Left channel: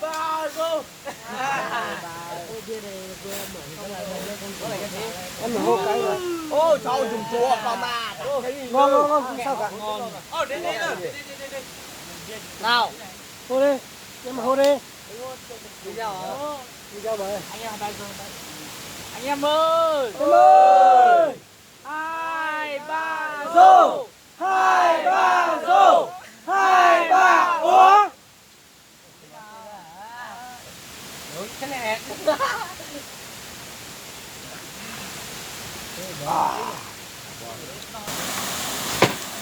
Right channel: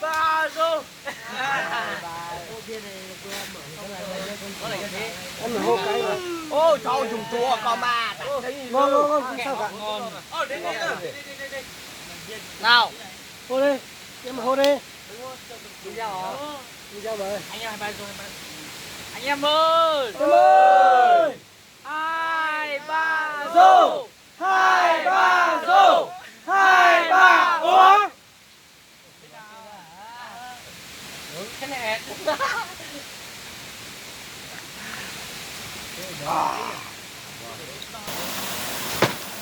ba go. Ô cháu dùng chùa có mà. Ngon sao Ngon. Ô đến đây rồi. Nào. Hô đi. Nhưng mà hô đi. Đi ra hả? Đi ra vậy. Anh em 23 rồi. Anh em ơi. Ơi. 2 3 Go. 2 3 go. 2 3 uống. Cái này.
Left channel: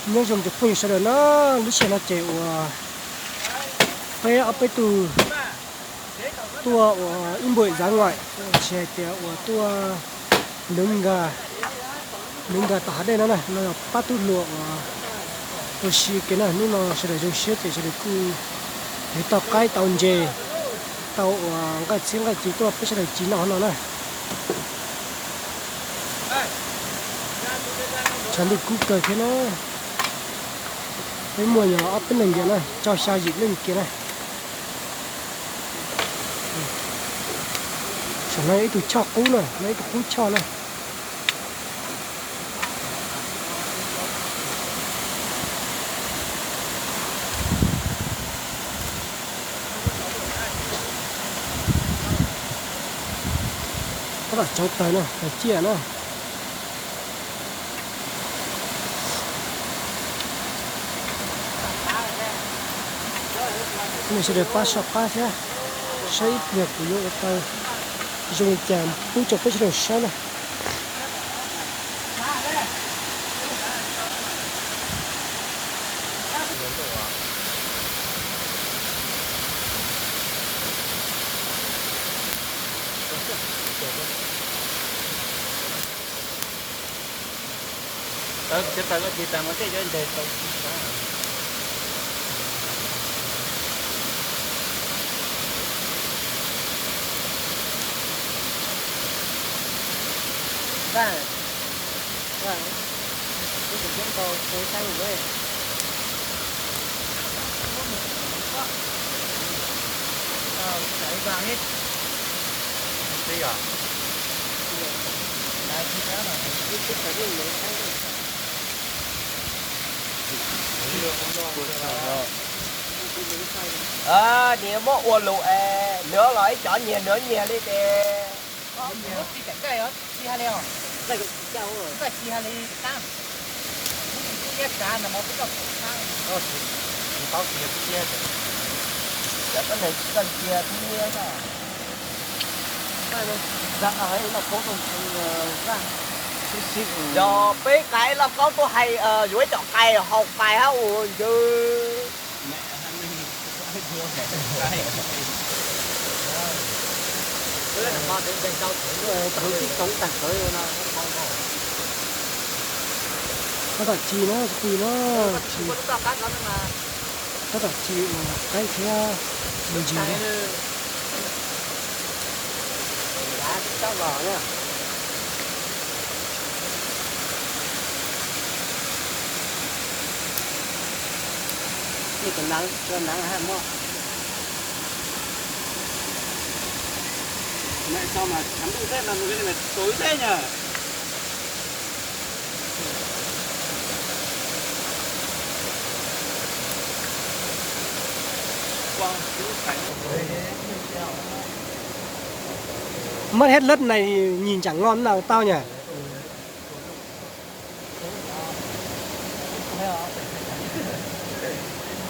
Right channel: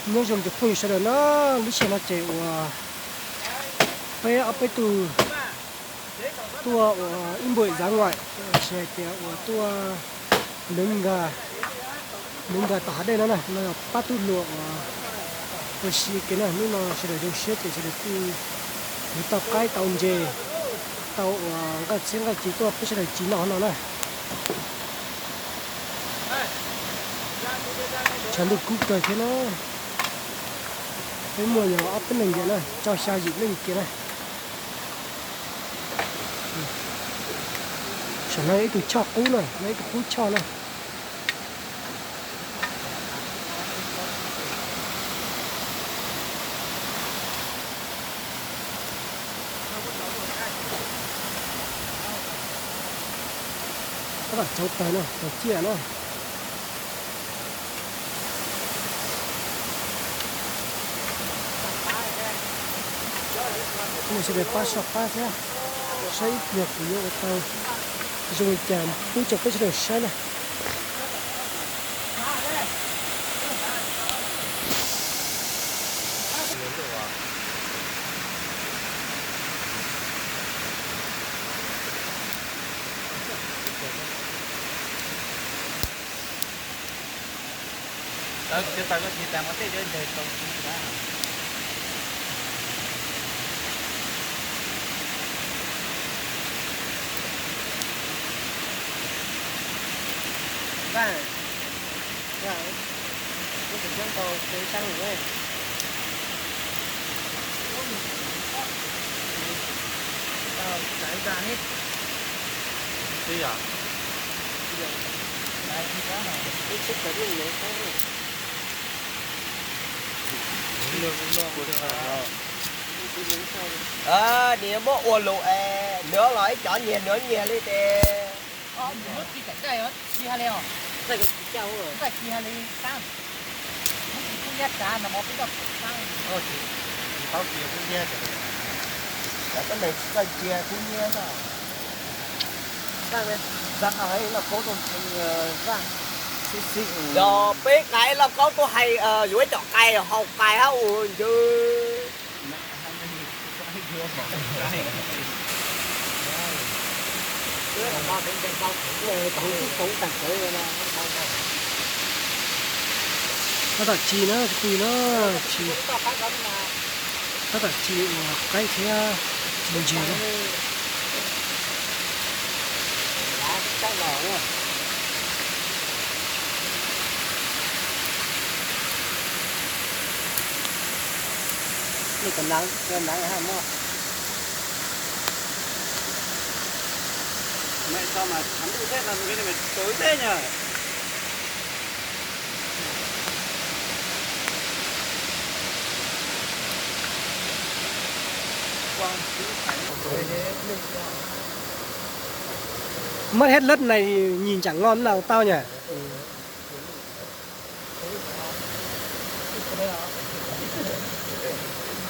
Nhưng dùng chụp phim sau đó nó lúc xe nó chạy phải ở bên từ tua in bưởi ra ngoài xe chạy tua nướng gà tả đây nó này nó bắt tu lụa tôi xí cái này nó sẽ được dùng xe thì sẽ được cái tàu cái tàu dề tàu cái chiếc cái chỉ tua phải sẽ được chỉ nó này chẳng được cút cờ thế nó cái mùa nhỏ ấp bên này vậy này cho sao dịp lên kia này chẳng lấy tụi cho cú này lấy tụi cú cho này các bạn cháu tới này phải chia này mình sẽ để phát sọc cá thế sẽ ít nhiều của vô tàu dùng chạm phun chọc cái đồ sáng này Kita masih join deh. Vâng. Tôi sẽ dẫn tàu cuối sang rồi. Tàu chạy vàng hết. Bây giờ. Đây thì có nào. cái cái mình lấy sang đi Nếu mà uổng lụ nữa nói chó nhiều nữa nhiều đi thì nước đi cảnh cái đó đi hai leo đây cái chảo rồi phải đi hai leo tăng cũng ghét cá mà nó cũng có tăng thôi thì tao chia cái kia là cái này chỉ cần chia cái kia thôi cái này dạ ấy là có con ra xí rồi biết cái là có tôi hay dưới chọn cây học bài hả ui chứ sống cảnh tới nó có cả chi nó quỳ nó chi có cả chi cái thế gì đấy cái lò đó đi cầm nắng hai mô mẹ sao mà thắm tối thế làm cái này mày tối thế nhở mất hết lất này nhìn chẳng ngon nào tao nhỉ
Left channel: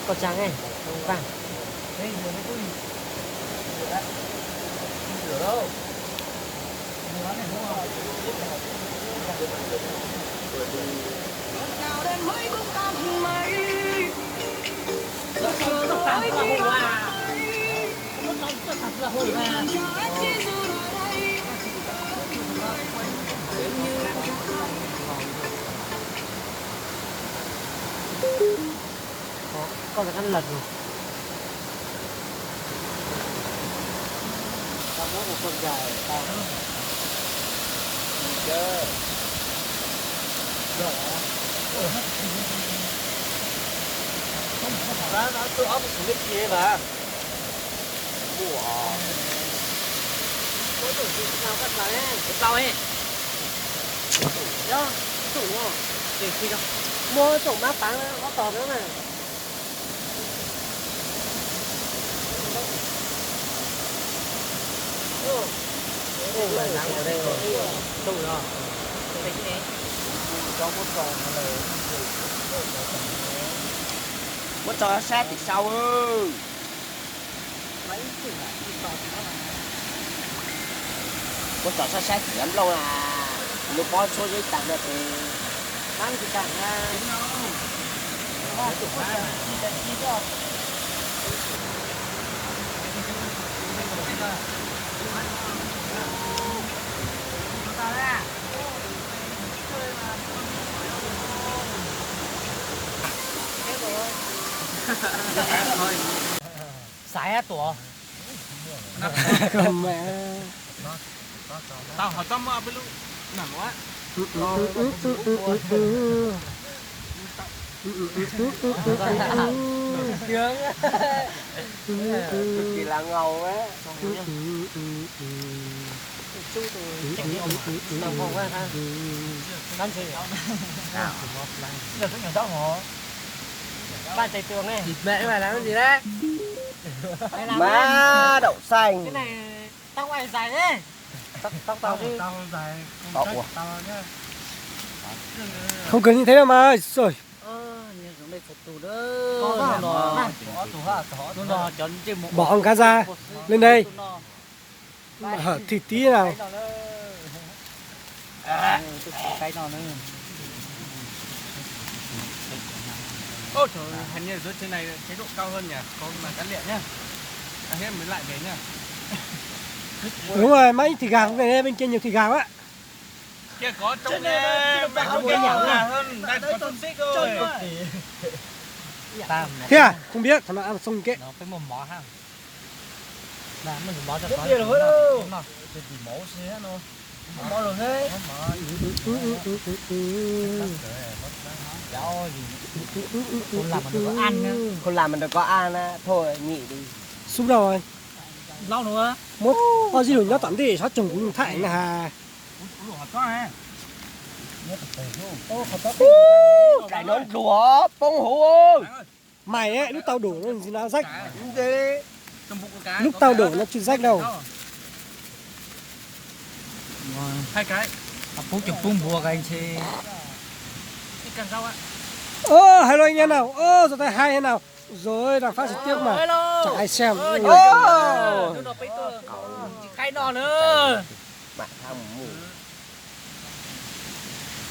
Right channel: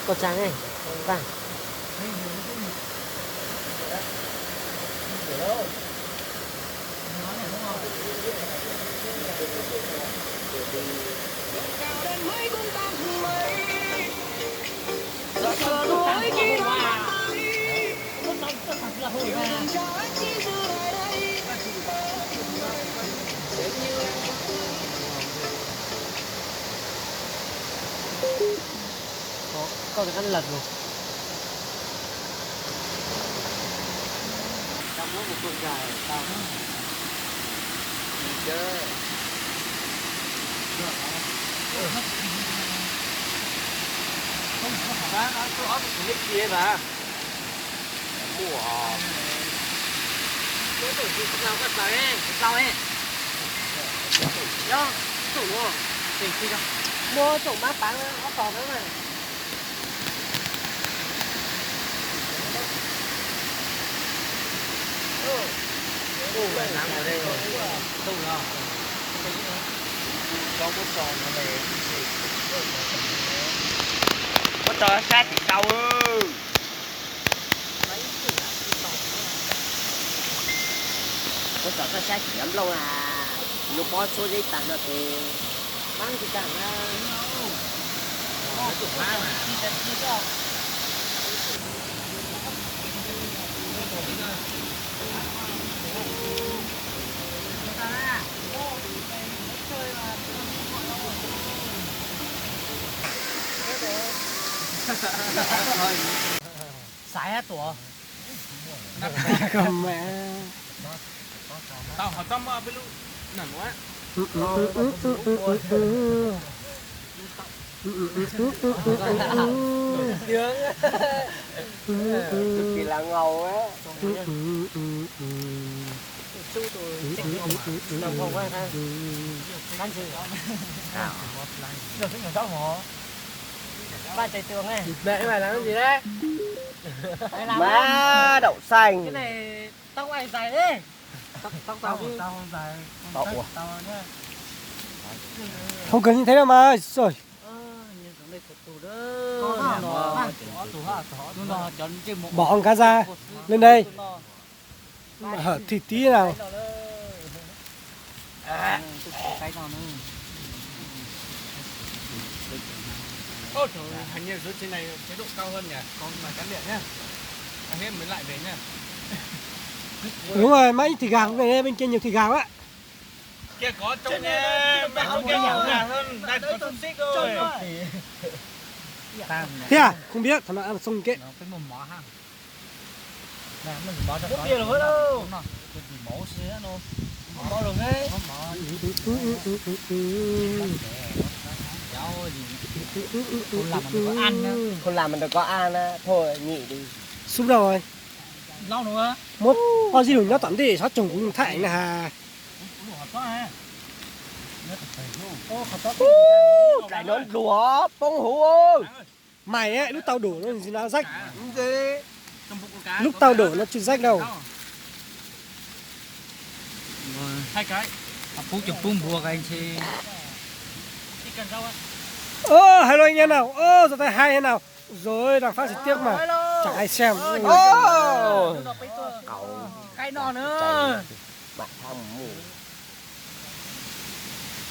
có trắng này vàng có được ăn lật rồi tao muốn một con dài tao chơi nó tôi ốp cái kia nè mua ủa nào cắt lại em tao ấy đó tủ đúng không để khi ra mua tủ má bán có tỏ đấy này Có một trò nó lẻ. có trò sát thì sau có trò sát thì lắm lâu là lúc có số giấy tặng được thì mang thì tặng ra Nó chủ má mà. Xài tổ. Cầm mẹ. Tao hỏi tao mà bên lúc nằm quá. chỉ là ngầu á Đồng không quá ha. Ăn gì? Giờ cái nhỏ đó hả? Ba tay tường này. Mẹ mày làm cái gì đấy? má đậu xanh Cái này tao quay dài đấy. Tao dài. Tao à? Tao nhá. Không cần như thế đâu mà. Rồi. Có tủ hả? Nó chọn trên một. Bỏ con cá ra. Lên đây. Hở thịt tí nào. Cái nào nữa. Ôi trời ơi, hình như dưới trên này chế độ cao hơn nhỉ? Có mà cán điện nhá. Hết mới lại về nhá. Đúng rồi, mấy thịt gà về đây bên kia nhiều thịt gà quá. Kia có trông không nhỏ hơn, đây có tôm xích rồi. Thế à? Không biết, thằng nào ăn xong kệ. Nó cái mồm mỏ ha. Mà mình bỏ cho có. Kia rồi đâu. Cái gì mổ xé nó. Bỏ rồi hết. Cháu gì. Không làm mình có ăn nữa. không làm mình được có ăn á thôi nghỉ đi Xúc rồi. Lâu nữa. Một có gì đừng nó tắm đi, sát trùng cũng thải nè hà. Ủa hả có à? Nhớ tập về luôn. Ô khẩu tóc. cái nó đùa bông hú ơi Mày ấy, lúc tao đổ nó gì nó rách. gì Trong bụng con cá. Lúc tao đổ nó chưa rách đâu. Hai cái. Phú chụp bung bùa cái anh chị. Cái cần rau á. Hello anh em nào. Giờ tay hai thế nào. Rồi, đang phát trực tiếp mà. Chả ai xem. Cái nọ nữa. bạn tham mù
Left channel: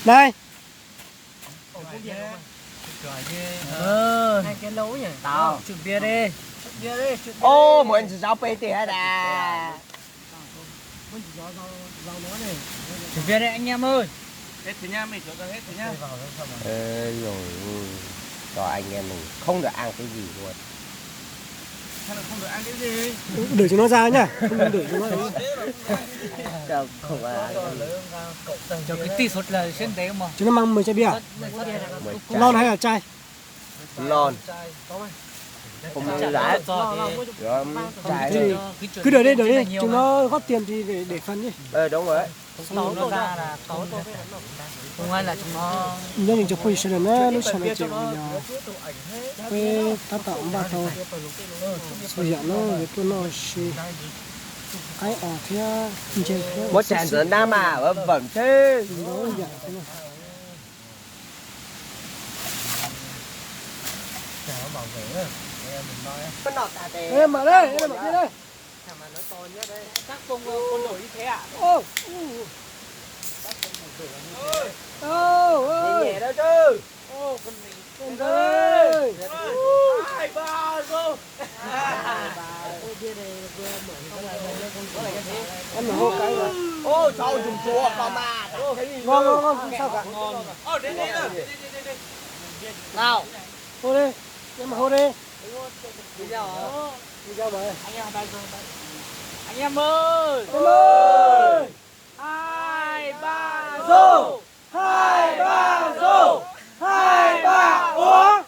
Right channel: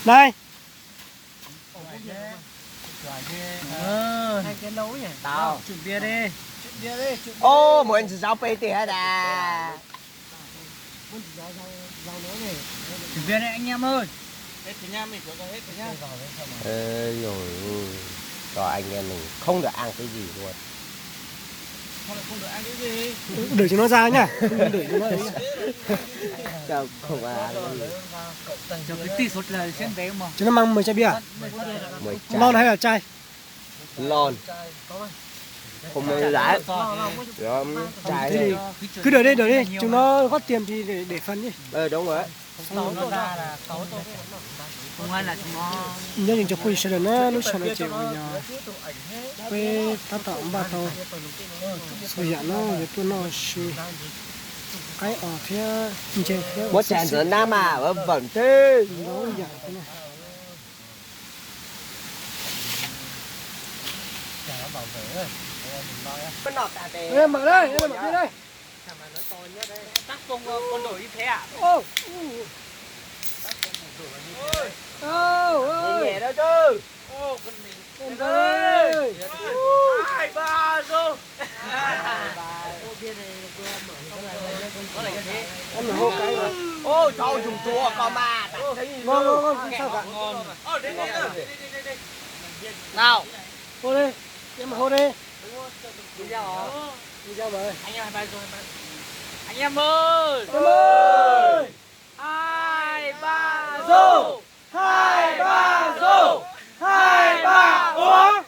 Này. Hai cái lấu nhỉ. Tao. Chụp bia đi. Bia đi. ô muốn chỉ sao pê tì hết à Chụp bia đi anh em ơi. Hết rồi nha, mình cho hết rồi nha. ê rồi rồi anh em mình không được ăn cái gì luôn Không được ăn cái gì. Đuổi chúng nó ra nhá. Không đuổi chúng nó ấy. Đâu không ăn Cho cái tí sốt là xem bé mà. Chúng nó mang 10 chai bia à? mới Lon hay là chai? lon không mua lại Thế thì cứ đợi đi. Chúng nó góp tiền thì để phần đi. đúng rồi Nó ra là 6 tô. Không ai là chúng nó. Nhớ những chỗ quay sẽ nó lúc sau nó chịu bây giờ. Quay ta tạo ba tàu. Bây giờ nó về tôi nó xì. Cái ở thế chơi thế. một chén rửa nam à vẫn thế Nó dạng thế này. Em mở đây, em mở đây. Chắc con đổi như thế à? nhẹ đâu chứ Con ơi. 2, 3 rồi. Em mở hộp cái mà. ô trời dùng chùa con mà Ngon, sao cả. Đến đây nào. Nào. Hô đi, em mở hô đi. đi ra Đi ra vậy. Anh em 2, 3 rồi. Anh em ơi. Em ơi. 2, 3 Rô. 2, 3 rô. 2, 3 uống.